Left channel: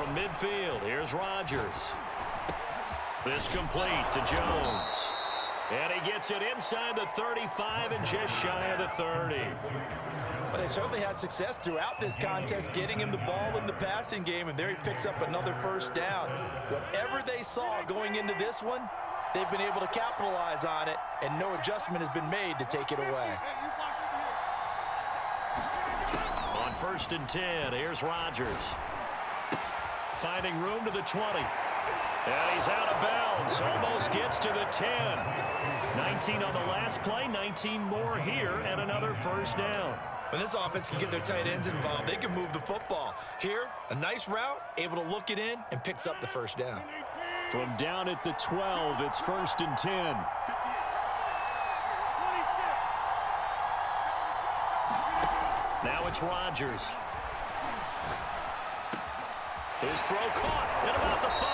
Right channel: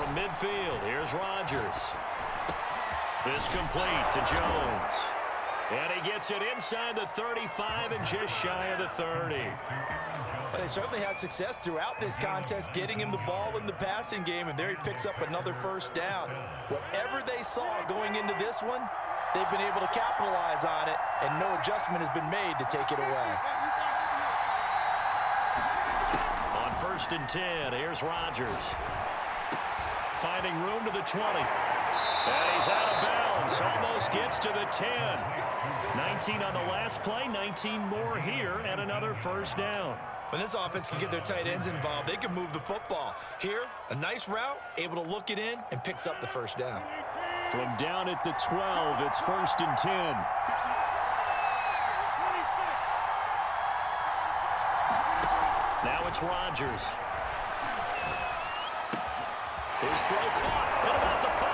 from midfield. Here's Rodgers. This complete to Jones. And he gets it inside the 35 and just shy of the 30. But they certainly had success throughout this contest, getting him the ball in the passing game, and there he picks up another first down. Whatever they saw going into this one, they've been able to capitalize on it, and no adjustment has been made to take it away. On 1st and 10, here's Rodgers. Finding room to the 20. And he's out of bounds. Almost gets to the 10. 19 on the last play, 19 more here, and another first down. When this offense can get their tight ends involved, they can move the football. Here, a nice route, able to look it in, and picks up the first down. From down at the 12, it's 1st and 10. Now it's Rodgers. His throw caught at about the 5.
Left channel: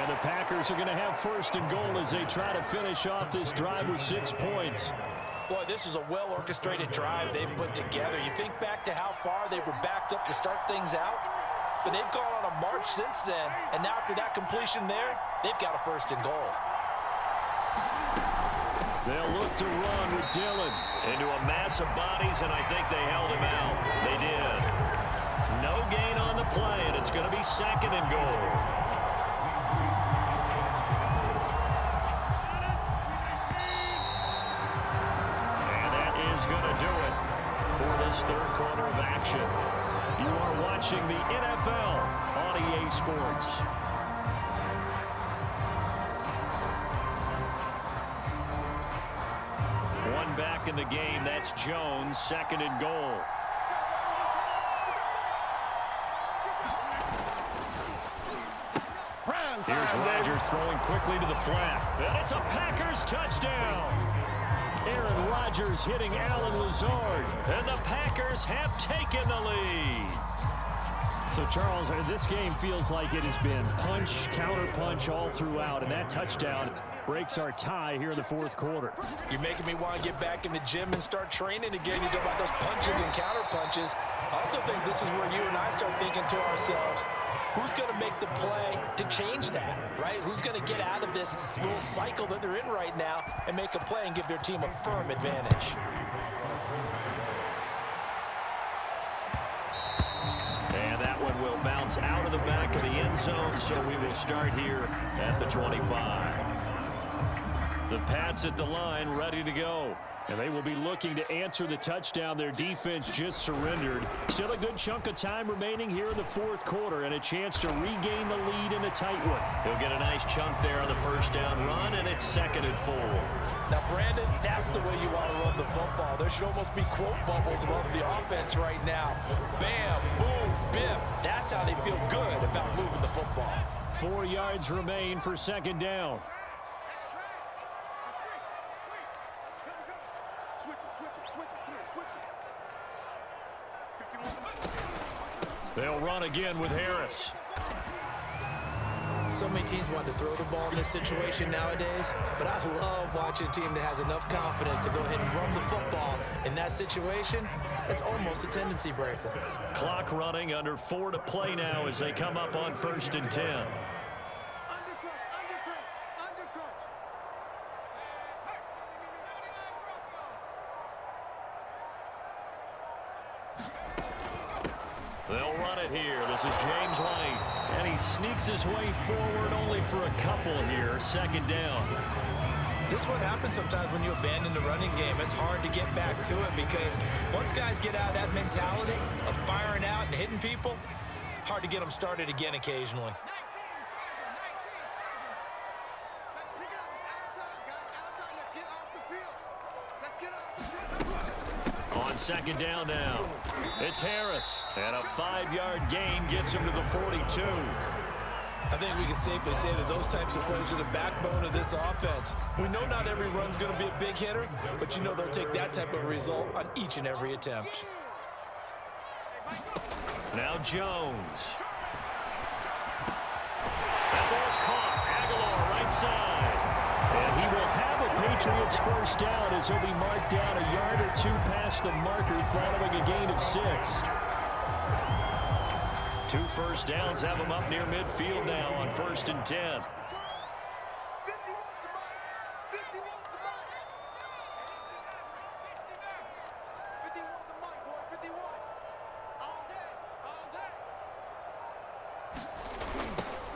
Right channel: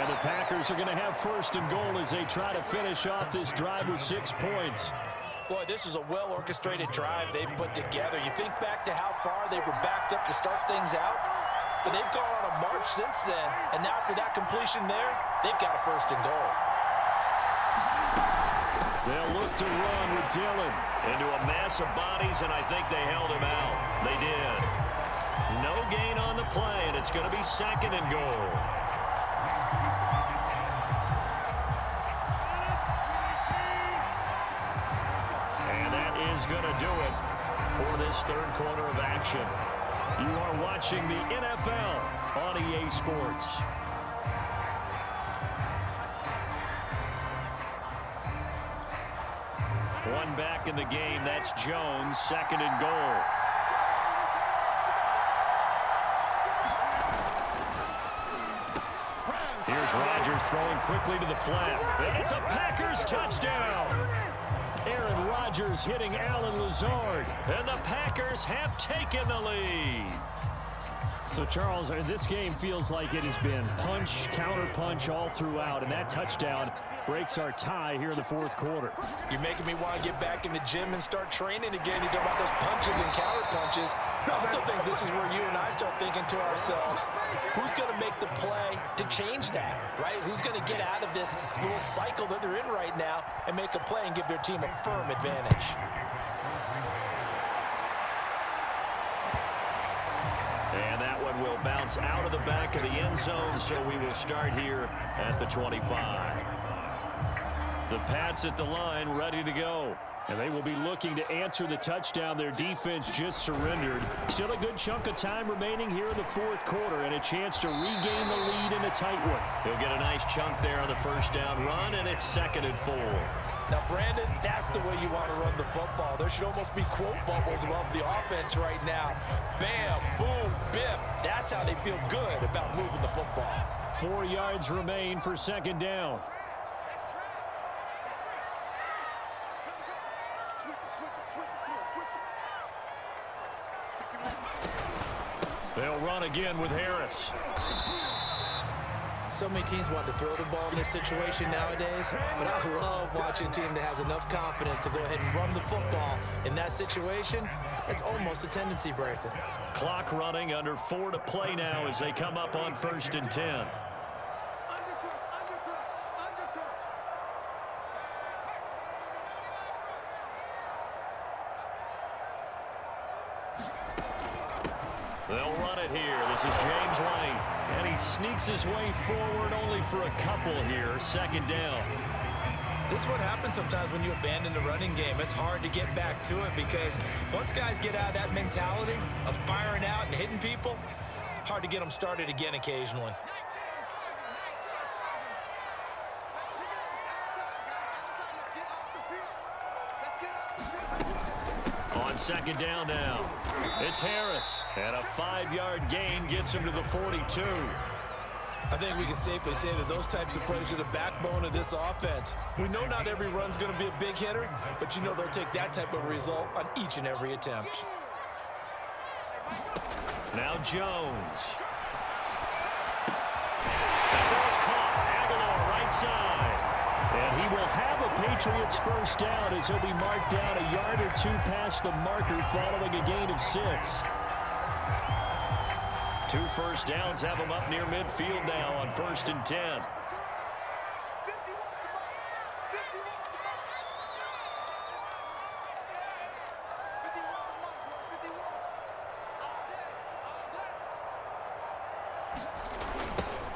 And the Packers are going to have 1st and goal as they try to finish off this drive with 6 points. Boy, this is a well-orchestrated drive they've put together. You think back to how far they were backed up to start things out, but they've gone on a march since then, and now after that completion there, they've got a 1st and goal. They'll look to run with Dillon into a mass of bodies, and I think they held him out. They did. No gain on the play, and it's going to be 2nd and goal. Is going to do it for this 3rd quarter of action. You are watching the NFL on EA Sports. One back in the game. That's Jones, 2nd and goal. Here's Rodgers throwing quickly to the flat. And it's a Packers touchdown. Aaron Rodgers hitting Alan Lazard, and the Packers have taken the lead. So, Charles, this game feels like it has been punch, counter-punch all throughout, and that touchdown breaks our tie here in the 4th quarter. You're making me want to get back in the gym and start training again. You talk about those punches and counter-punches. I also think this is where you and I start thinking to ourselves, who's going to make the play to change that, right? Who's going to get out of this little cycle that they're in right now and make a play and give their team a firm advantage? And that one will bounce out of the back of the end zone, so we will start here at the 25. The Pats at the line, ready to go. And they will be looking to answer the touchdown their defense just surrendered. Still a good chunk of time remaining here in the 4th quarter and a chance to regain the lead in a tight one. He'll get a nice chunk there on the first down run, and it's 2nd and 4. Now, Brandon, that's the way you want to run the football. There should almost be quote bubbles above the offense right now. Bam, boom, biff. That's how they feel good about moving the football. 4 yards remain for 2nd down. They'll run again with Harris. So many teams want to throw the ball in this situation nowadays, but I love watching a team that has enough confidence to go ahead and run the football. In that situation, it's almost a tendency breaker. Clock running, under 4 to play now as they come up on 1st and 10. They'll run it here. This is James White. And he sneaks his way forward only for a couple here. 2nd down. This is what happens sometimes when you abandon the running game. It's hard to get back to it because once guys get out of that mentality of firing out and hitting people, hard to get them started again occasionally. On 2nd down now, it's Harris, and a 5-yard gain gets him to the 42. I think we can safely say that those types of plays are the backbone of this offense. We know not every run's going to be a big hitter, but you know they'll take that type of result on each and every attempt. Now Jones. That ball's caught. Aguilar right side. And he will have a Patriots first down as he'll be marked down a yard or 2 past the marker following a gain of 6. 2 first downs have them up near midfield now on 1st and 10.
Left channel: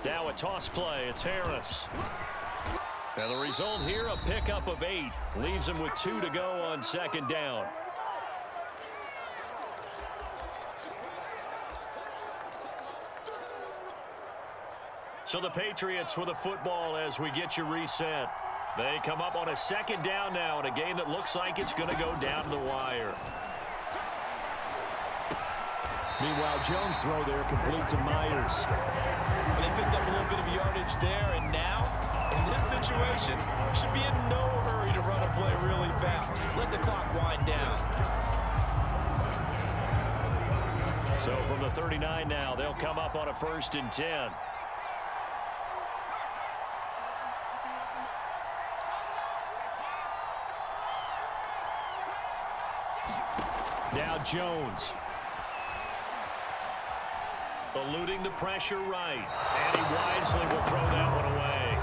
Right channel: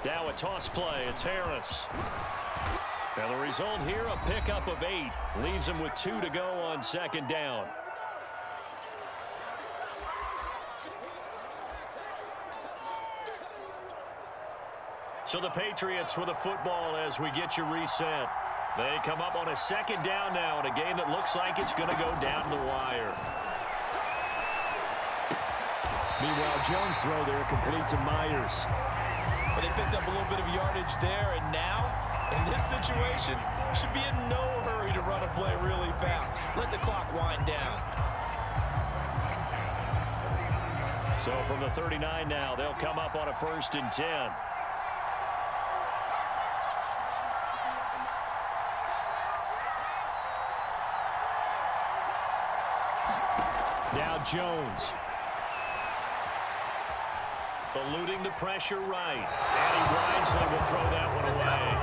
Now a toss play. It's Harris. Now the result here, a pickup of 8. Leaves him with 2 to go on 2nd down. So the Patriots with a football as we get you reset. They come up on a 2nd down now in a game that looks like it's going to go down to the wire. Meanwhile, Jones' throw there complete to Myers. Well, they picked up a little bit of yardage there, and now, in this situation, should be in no hurry to run a play really fast. Let the clock wind down. So from the 39 now, they'll come up on a 1st and 10. Now Jones. Eluding the pressure right. And he wisely will throw that one away.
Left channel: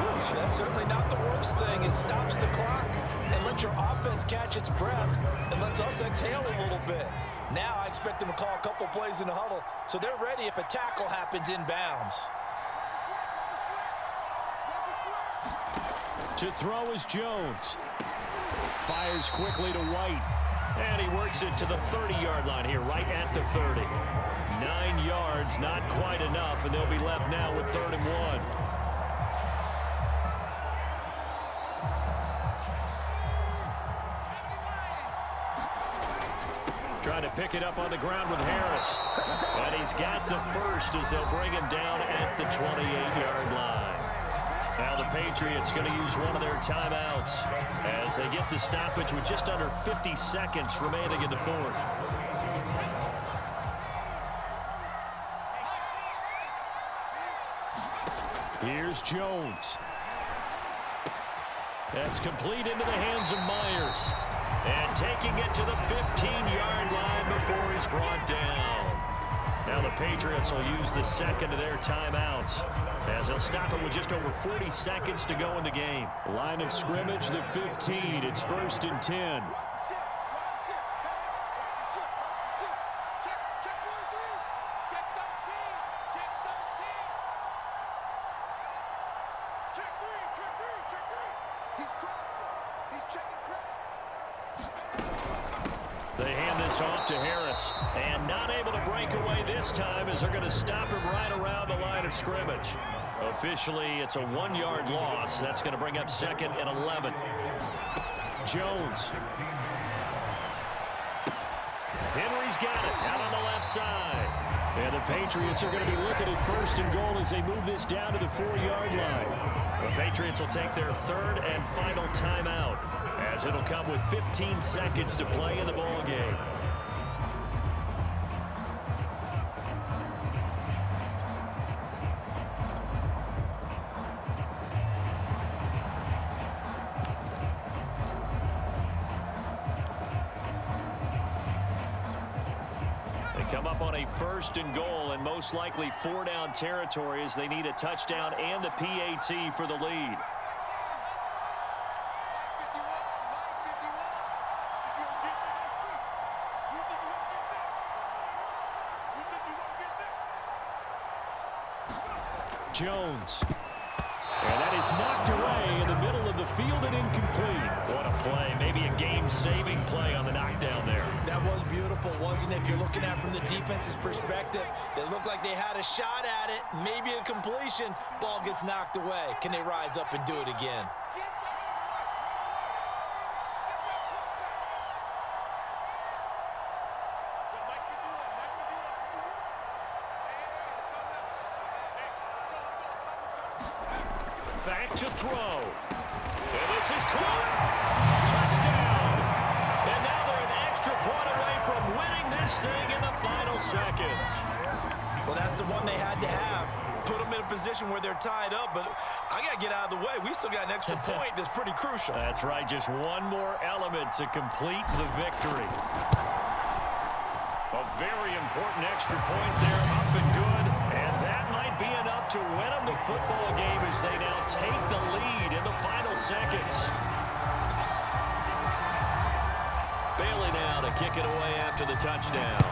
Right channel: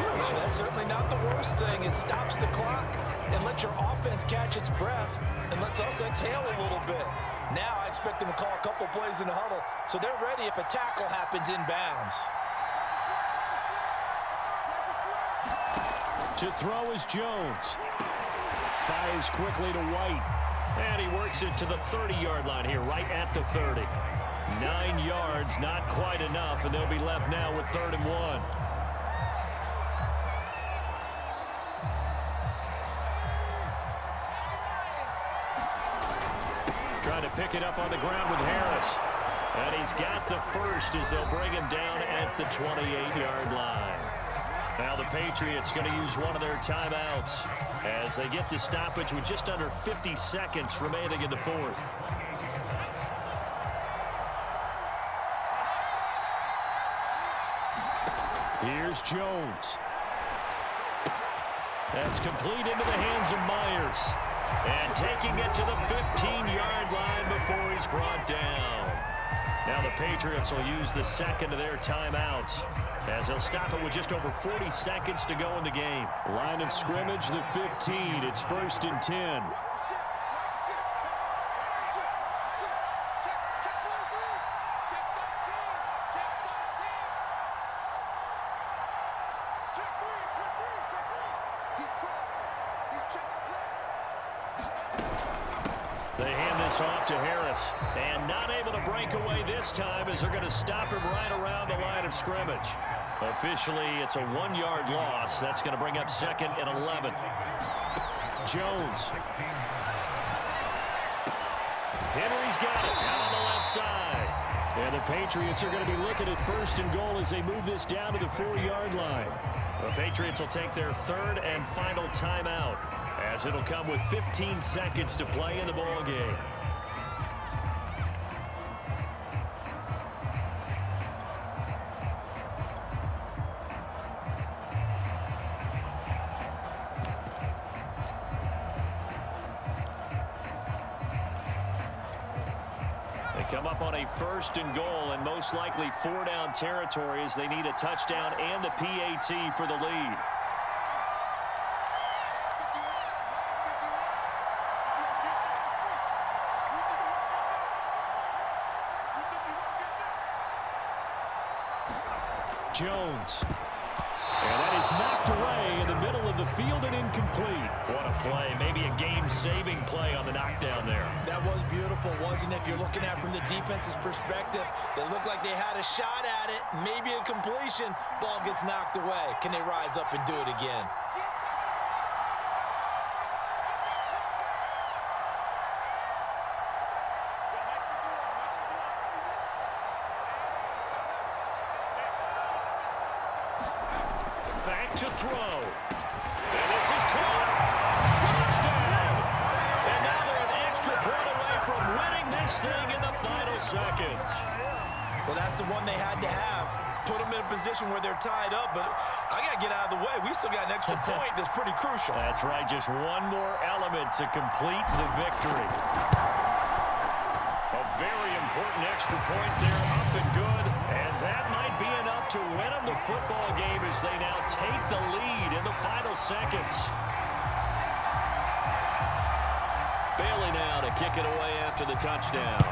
Ooh, that's certainly not the worst thing. It stops the clock and lets your offense catch its breath and lets us exhale a little bit. Now I expect them to call a couple plays in the huddle so they're ready if a tackle happens inbounds. To throw is Jones. Fires quickly to White. And he works it to the 30-yard line here, right at the 30. 9 yards, not quite enough, and they'll be left now with 3rd and 1. Trying to pick it up on the ground with Harris. And he's got the first as they'll bring him down at the 28-yard line. Now the Patriots going to use one of their timeouts as they get the stoppage with just under 50 seconds remaining in the 4th. Here's Jones. That's complete into the hands of Myers. And taking it to the 15-yard line before he's brought down. Now the Patriots will use the 2nd of their timeouts as they'll stop it with just over 40 seconds to go in the game. Line of scrimmage, the 15. It's 1st and 10. They hand this off to Harris, and not able to break away this time as they're going to stop him right around the line of scrimmage. Officially, it's a 1-yard loss. That's going to bring up 2nd and 11. Jones. Henry's got it out on the left side. And the Patriots are going to be looking at 1st and goal as they move this down to the 4-yard line. The Patriots will take their 3rd and final timeout as it'll come with 15 seconds to play in the ball game. They come up on a 1st and goal and most likely 4-down territory as they need a touchdown and the PAT for the lead. Jones. And that is knocked away in the middle of the field and incomplete. What a play. Maybe a game-saving play on the knockdown there. That was beautiful, wasn't it? If you're looking at it from the defense's perspective, they looked like they had a shot at it, maybe a completion. Ball gets knocked away. Can they rise up and do it again? Back to throw. And this is caught. Touchdown. And now they're an extra point away from winning this thing in the final seconds. Well, that's the one they had to have. Put them in a position where they're tied up, but I got to get out of the way. We still got an extra point that's pretty crucial. That's right. Just one more element to complete the victory. A very important extra point there, up and good. And that might be enough to win them the football game as they now take the lead in the final seconds. Bailey now to kick it away after the touchdown.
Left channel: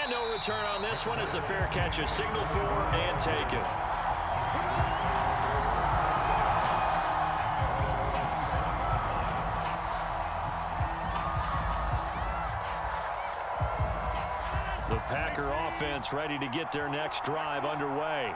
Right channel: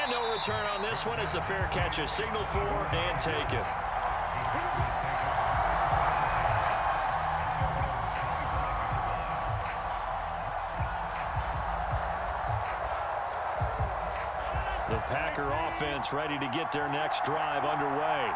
And no return on this one as the fair catch is signaled for and taken. The Packer offense ready to get their next drive underway.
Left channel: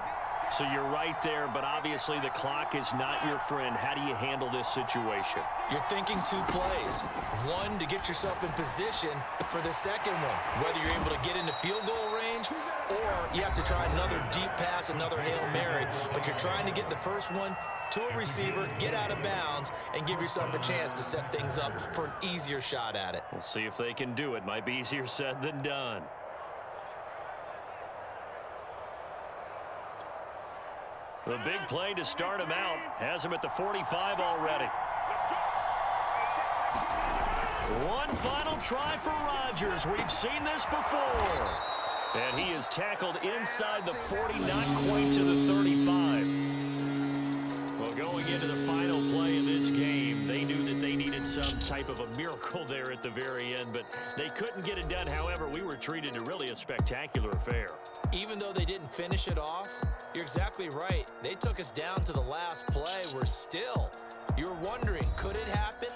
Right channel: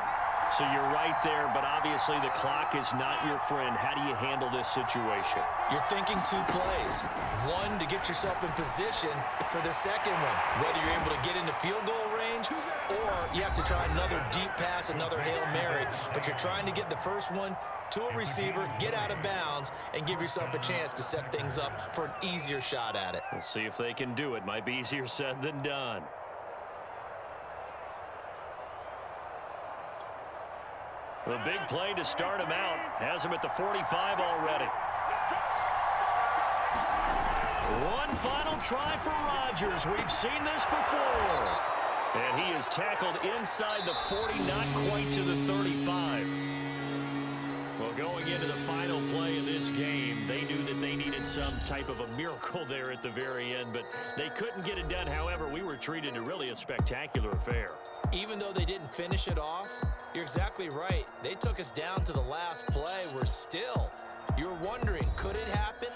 So you're right there, but obviously the clock is not your friend. How do you handle this situation? You're thinking 2 plays. One, to get yourself in position for the second one, whether you're able to get into field goal range or you have to try another deep pass, another Hail Mary. But you're trying to get the first one to a receiver, get out of bounds, and give yourself a chance to set things up for an easier shot at it. We'll see if they can do it. Might be easier said than done. The big play to start him out has him at the 45 already. One final try for Rodgers. We've seen this before. And he is tackled inside the 40, not quite to the 35. Well, going into the final play of this game, they knew that they needed some type of a miracle there at the very end, but they couldn't get it done. However, we were treated to really a spectacular affair. Even though they didn't finish it off, you're exactly right. They took us down to the last play. We're still, you're wondering, could it happen?